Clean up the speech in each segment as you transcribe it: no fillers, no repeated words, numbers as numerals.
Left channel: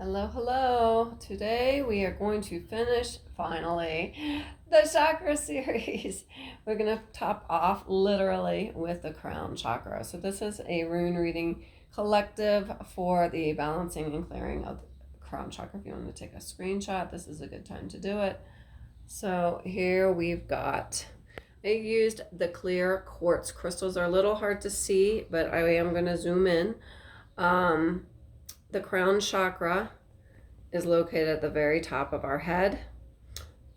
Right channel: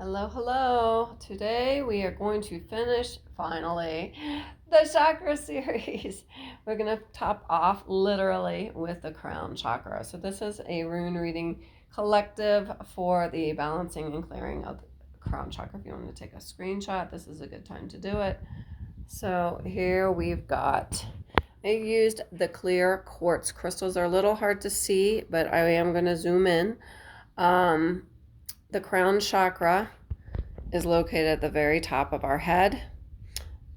Hello, hello. Today we are going to finish, finally, the Chakra Series. We're going to top off literally with the crown chakra. So this is a rune reading collective for the balancing and clearing of the crown chakra. If you want to take a screenshot, this is a good time to do it. So here we've got, I used the clear quartz crystals. They're a little hard to see, but I am going to zoom in. The crown chakra is located at the very top of our head,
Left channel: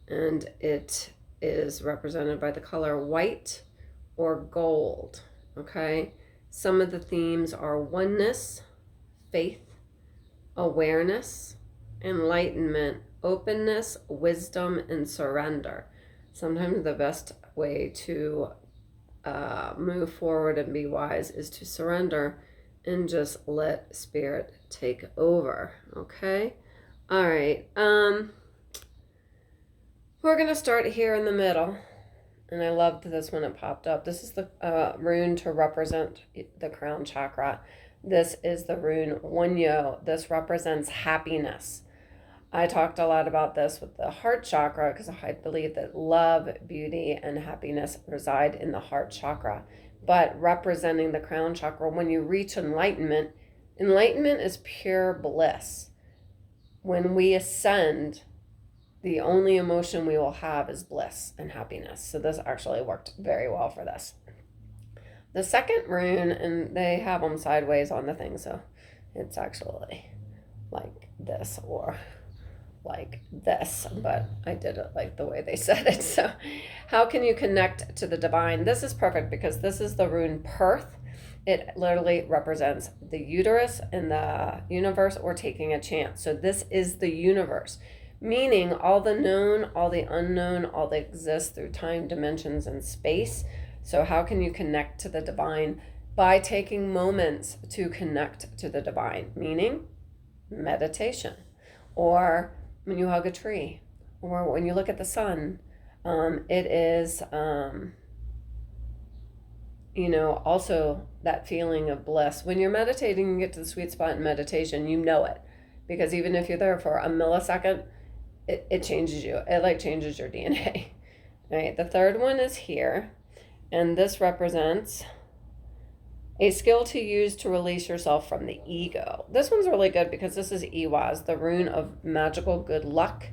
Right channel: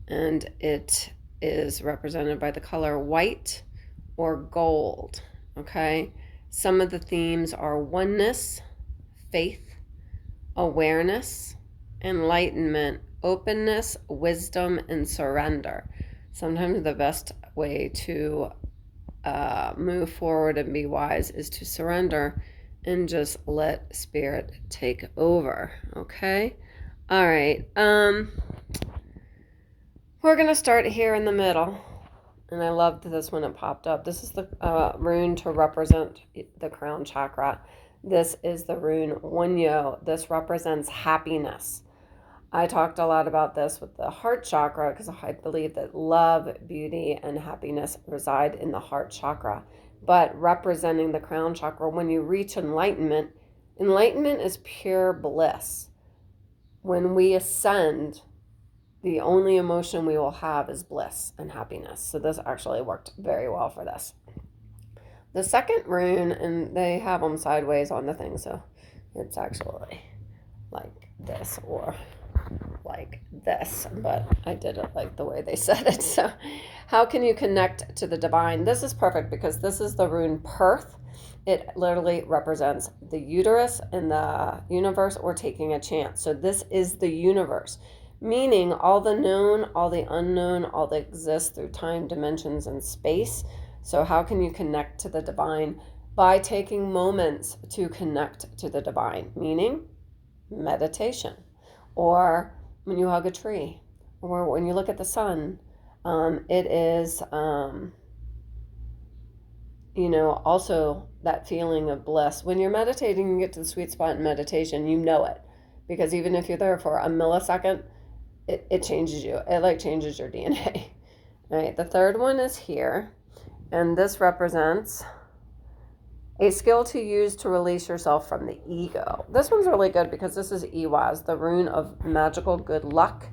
and it is represented by the color white or gold. Okay, some of the themes are oneness, faith, awareness, enlightenment, openness, wisdom, and surrender. Sometimes the best way to move forward and be wise is to surrender and just let spirit take over. Okay, all right, we're gonna start here in the middle, and I loved this when it popped up. This is the rune to represent the crown chakra. This is the rune Wonyo. This represents happiness. I talked a lot about this with the heart chakra because I believe that love, beauty, and happiness reside in the heart chakra. But representing the crown chakra, when you reach enlightenment, enlightenment is pure bliss. When we ascend, the only emotion we will have is bliss and happiness. So this actually worked very well for this. The second rune, and they have them sideways on the thing, so it's actually like this or like this, but I did it like the way they said it. So how can you connect to the divine? This is perfect because this is the rune Perth. It literally represents the uterus and the universe, or taking a chance. So this is the universe, meaning all the known, all the unknown, all that exists through time, dimensions, and space. So how can you connect to the divine? By taking moments to connect to the divine, meaning meditation, or when you hug a tree, or when you look at the sun. It is, also that feeling of bliss. When you're meditating and get to the sweet spot in meditation, you know it. Because even if you're there for a millisecond, it changes you. It like changes your DNA. Right? The third one is here. And this represents a skill to use to release yourself from the ego. This one's really good because this is Iwaz, the rune of magical good luck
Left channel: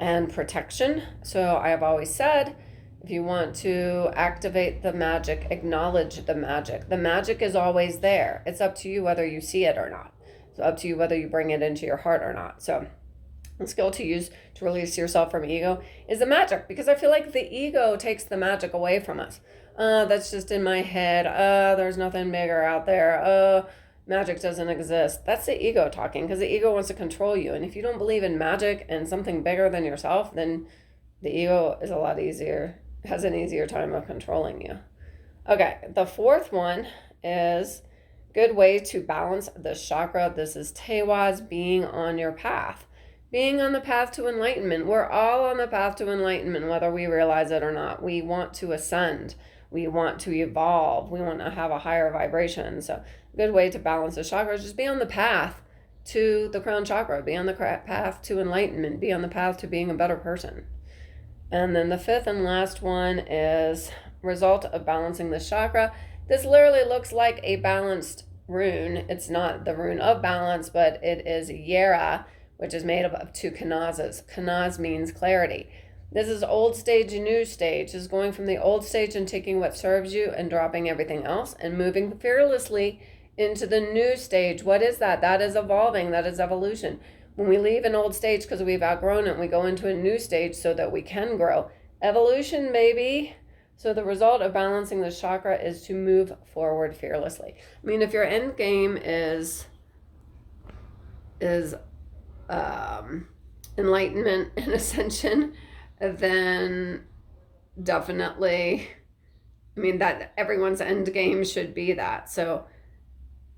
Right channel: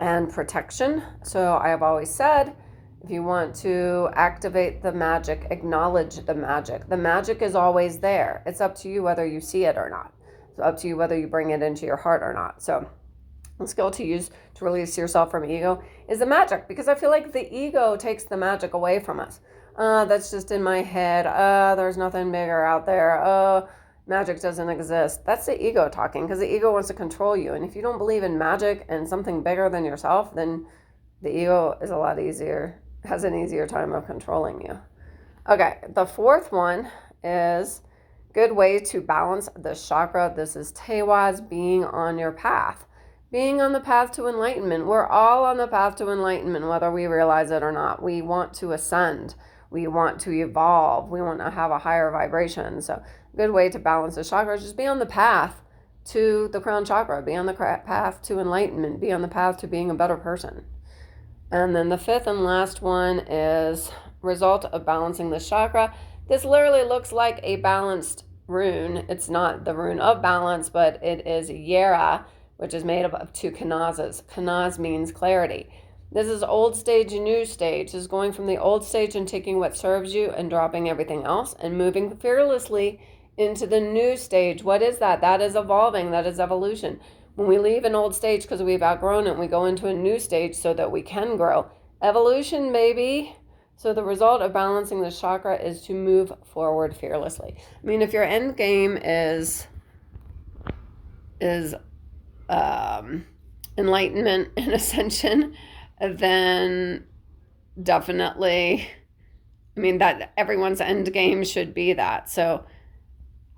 and protection. So I have always said, if you want to activate the magic, acknowledge the magic. The magic is always there. It's up to you whether you see it or not. It's up to you whether you bring it into your heart or not. So a skill to use to release yourself from ego is the magic, because I feel like the ego takes the magic away from us. That's just in my head. There's nothing bigger out there. Magic doesn't exist. That's the ego talking, because the ego wants to control you. And if you don't believe in magic and something bigger than yourself, then the ego is a lot easier, has an easier time of controlling you. Okay, the fourth one is good way to balance the chakra. This is Tewaz, being on your path. Being on the path to enlightenment. We're all on the path to enlightenment, whether we realize it or not. We want to ascend. We want to evolve. We want to have a higher vibration. So a good way to balance the chakras is just be on the path to the crown chakra. Be on the path to enlightenment. Be on the path to being a better person. And then the fifth and last one is result of balancing the chakra. This literally looks like a balanced rune. It's not the rune of balance, but it is Yera, which is made up of two kanazas. Kanaz means clarity. This is old stage and new stage. This is going from the old stage and taking what serves you and dropping everything else and moving fearlessly into the new stage. What is that? That is evolving. That is evolution. When we leave an old stage because we've outgrown it, we go into a new stage so that we can grow. Evolution, baby. So the result of balancing the chakra is to move forward fearlessly. I mean, if your end game is enlightenment and ascension, then definitely, I mean, that everyone's end game should be that. So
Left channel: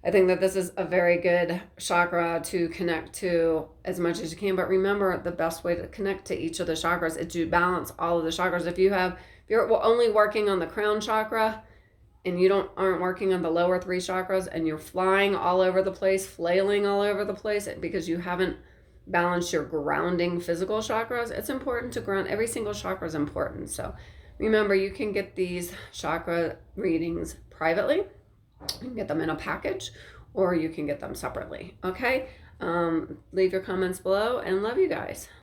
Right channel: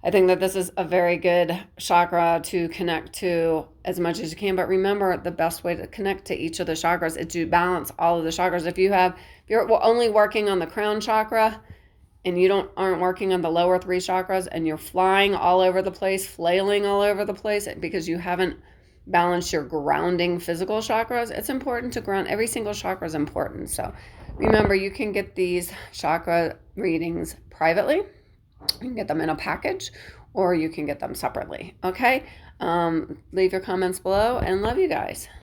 I think that this is a very good chakra to connect to as much as you can. But remember, the best way to connect to each of the chakras is to balance all of the chakras. If you're only working on the crown chakra and you aren't working on the lower three chakras and you're flying all over the place, flailing all over the place because you haven't balanced your grounding physical chakras, it's important to ground. Every single chakra is important. So remember, you can get these chakra readings privately. You can get them in a package, or you can get them separately. Okay? Leave your comments below, and love you guys.